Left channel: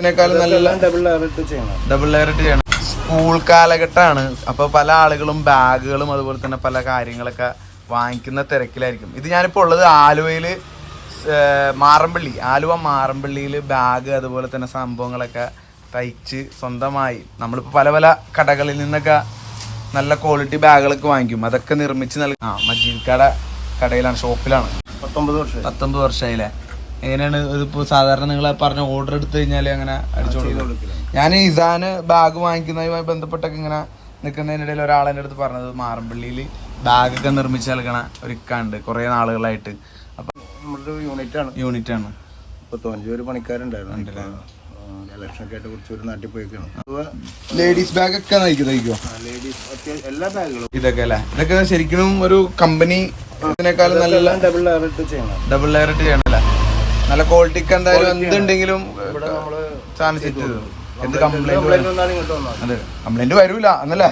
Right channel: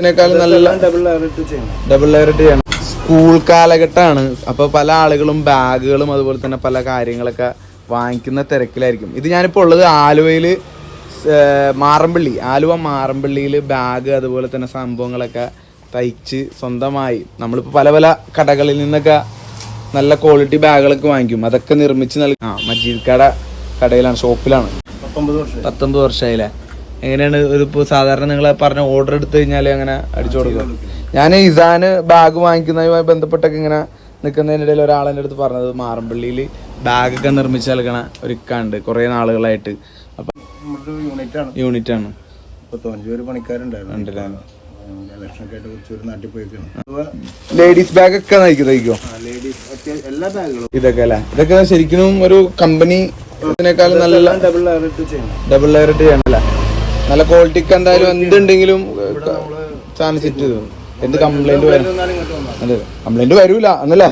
ഇതിനേക്കാളും നല്ല double layer ചെയ്യണം. ഡബിൾ ചെയ്യണം. സ്കൂൾ കാലഘട്ടമാണ്. അപ്പൊ പല ആളുകളും ബാഗുകളും അതുപോലെ തന്നെ പല കാര്യങ്ങളൊക്കെ വാങ്ങിക്കുന്ന തിരക്കിലായിരിക്കും. ഇത് ഞാനിപ്പോ ഉള്ളത് ആലുവയിൽ മാറമ്പള്ളി. ആലുവ മാറമ്പള്ളിയിൽ ബാഗ് അതുപോലെ തന്നെ സംഭവങ്ങളൊക്കെ തയ്ച്ച് സ്വന്തമായി. നമ്മളിപ്പോ പല പല കടകളിൽ നിന്നൊക്കെ നല്ല ക്വാളിറ്റി ബാഗുകളൊക്കെ വാങ്ങിക്കും. അതൊക്കെ നിർമ്മിച്ച് നൽകി ആ മജീദ് കട കടയിലാണ് ഷോപ്പിലാണ്. പത്തൊമ്പത് വർഷം പത്തൊമ്പത് വർഷമായില്ലേ? എങ്ങനെയാണ് ഇതിപ്പോ സാധാരണ നിങ്ങൾ പറഞ്ഞ ഓർഡർ എടുത്തു കഴിഞ്ഞാൽ അങ്ങനെ അടിച്ചു കൊടുക്കും? ഞാൻ ഇസാന് ബാഗ് വാങ്ങിക്കുന്നതുമായി ബന്ധപ്പെട്ടൊക്കെ ഇങ്ങനെ നിൽക്കുന്നതിനിടയിൽ ഒരാളെന്റെ അടുത്ത് പറഞ്ഞത് മാറമ്പള്ളിയിൽ ബാഗൊക്കെ നിർമ്മിച്ച് നൽകണ ഒരു ഇക്കാണ്ട് കുറേ നാളുകളായിട്ട്. അപ്പൊ നമ്മുടെ യൂണിറ്റ് ആണ്. യൂണിറ്റ് ആണ്. ഇപ്പൊ തോഞ്ചൂര് പണിക്കാരുണ്ടായിരുന്നു. ആയിട്ട് കുറച്ചൊരു നാട്ടിൽ പോയിക്കാണ്. ലേഡീസ് ബാഗ് ഒക്കെ നയിക്കുന്നോ ലേഡീസ് എല്ലാ ബാഗുകളും. ഇതൊക്കെ അല്ലേ? ഇതൊക്കെ ശരിക്കും ഒരു കമ്പനി നല്ല ഡബിൾ ലെയർ ഇട്ട് ചെയ്യണം. ഡബിൾ ലെയർ ചെയ്യണല്ലേ നല്ല ക്വാളിറ്റിക്ക് എന്തായാലും എന്തുണ്ടെങ്കിലും സാധനം സെറ്റ് ചെയ്തു. എന്ത് കംപ്ലൈന്റ് കംപ്ലൈന്റ് അതെ. വരൂല എന്നല്ലേ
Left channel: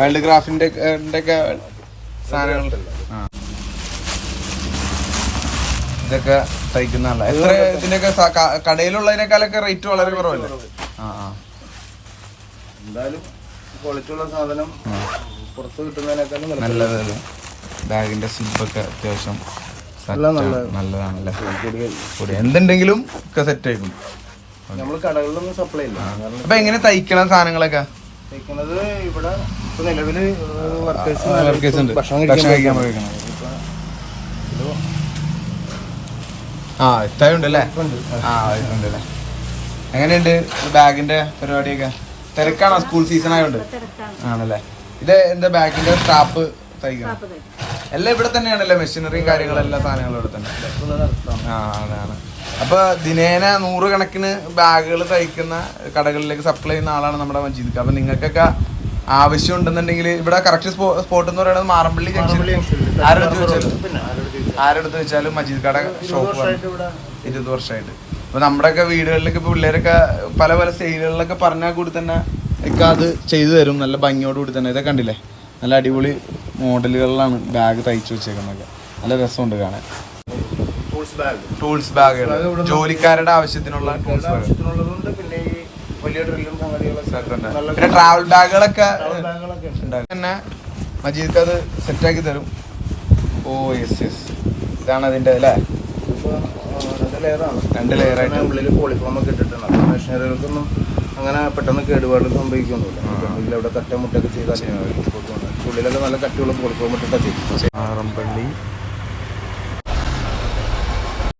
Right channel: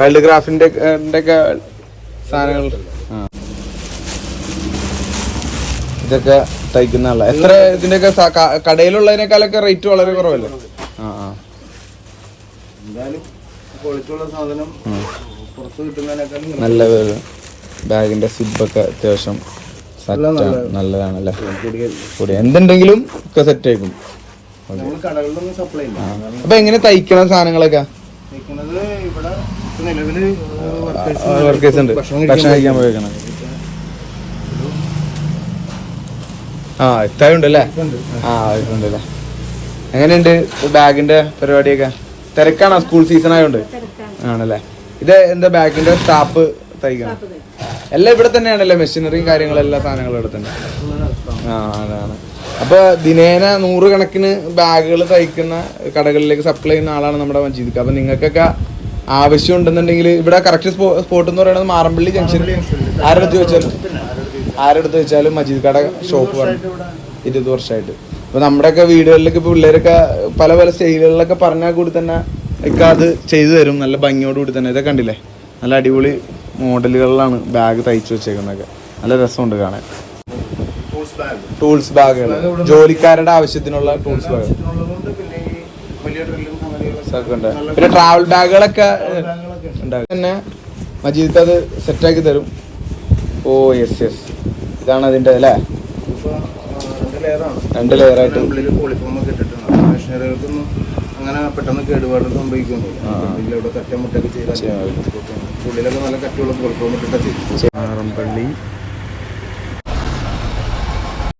വൈൽഡ് ക്രാഫ്റ്റിന്റെ ഒക്കെ സാധനങ്ങൾ. ഇതൊക്കെ തയ്ക്കുന്ന എത്ര ഇതിന്റെയൊക്കെ കടയിലുള്ളതിനേക്കാളൊക്കെ റേറ്റ് വളരെ കുറവല്ലേ. എന്തായാലും ക്വാളിറ്റി ഉള്ള സാധനം പുറത്ത് കിട്ടുന്നതിനേക്കാളും നല്ലത്. ബാഗിന്റെ സിബൊക്കെ അത്യാവശ്യം നല്ലതാണല്ലേ? എന്തുണ്ടെങ്കിലും ഒക്കെ സെറ്റ് ആയിരിക്കും. നമ്മൾ കടകളിലൊന്നും സപ്ലൈ ഇല്ല. അപ്പൊ എങ്ങനെ തയ്ക്കണ സാധനങ്ങളൊക്കെ? തയ്ക്കുന്നത് ഇവിടെ നിലവിൽ വർക്കേഴ്സ് ഉണ്ട്. ഭക്ഷണം ഭക്ഷണം കഴിക്കാൻ കഴിക്കാൻ ആ ഇത്തായുണ്ടല്ലേ? ആ. ഇതുണ്ടല്ലേ. എങ്ങനെയുണ്ട് ബാഗിന്റെ പരിപാടിയൊക്കെ? തിരക്കാണോ? സ്കൂൾ സീസൺ ആയതുകൊണ്ട് ആണല്ലേ. ഇത് എന്താ ബാഗിന്റെ സ്റ്റാപ്പ് തയ്ക്കണം? എല്ലാം ഇവിടെ തന്നെയാണല്ലോ മെഷീനറിയും കാര്യങ്ങളെല്ലാം സാധനങ്ങളും ഇവിടെ തന്നെ. ആ അതാണ്. അപ്പൊ ദിനേന നൂറുകണക്കിന് ബാഗുകൾ തയ്ക്കുന്ന കടകളിലേക്ക് സപ്ലൈ ചെയ്യുന്ന ആളാണ് നമ്മുടെ മജീദ് അപ്പൊ നിങ്ങൾക്കൊക്കെ ആവശ്യം ഉണ്ടെന്നുണ്ടെങ്കിൽ ഇവിടെ കറക്റ്റ് സ്പോട്ട് എന്ന് പറയുന്നത് മാറമ്പള്ളി ആരെടുത്ത് വെച്ചാലും ആരെടുത്ത് വെച്ചാലും മജീദ് കട ഷോപ്പ് ഇരുപത് വർഷമായിട്ട് അപ്പൊ നമ്മുടെയൊക്കെ വീടുകളിലൊക്കെ ഇപ്പൊ പിള്ളേരൊക്കെ പല പല സ്റ്റൈലുകളിലൊക്കെ പറഞ്ഞാൽ കൂടി തന്നെ ഇക്കാത് ചെയ്തു തരും. നല്ല ഭംഗിയോട് കൂടി തന്നെ. ഇതൊക്കെ കണ്ടില്ലേ? നല്ല അടിപൊളി മോഡലുകളിലാണ് ബാഗ് തയ്ച്ചു വെച്ചേക്കുന്നതൊക്കെ. നല്ല രസമുണ്ട് കാണാൻ. ടൂൾസ് ബാഗ് ജോലിക്കാരുടെ ആവശ്യത്തിനുള്ള പിന്നെ വലിയ ഡ്രില്ലും പിന്നെ ട്രാവൽ ബാഗുകളൊക്കെ തന്നെ മജീദ് അത് സെറ്റാക്കി തരും. ഓ യെസ് യെസ് ഇതാണ് അതിന്റെ അല്ലേ? രണ്ട് ലെയറാണ് രണ്ട് ലെയർ ആയിട്ട്. ഉള്ളിൽ പോളിഫോം ഇട്ടിട്ടുണ്ട് ഇട്ടിട്ടാണ്. മെഷീനറികൾക്കൊന്നും അങ്ങനെ പെട്ടെന്ന് കേടുപാട് സംഭവിക്കുന്നുണ്ട്. എന്തെങ്കിലും അവിടെ കറ്റമുട്ടൊക്കെ ചെയ്താൽ ഉള്ളിലൊക്കെ നല്ല കട്ടിയുള്ള പോളിഫോം ഇട്ടിട്ടാ ചെയ്യും ആറമ്പള്ളി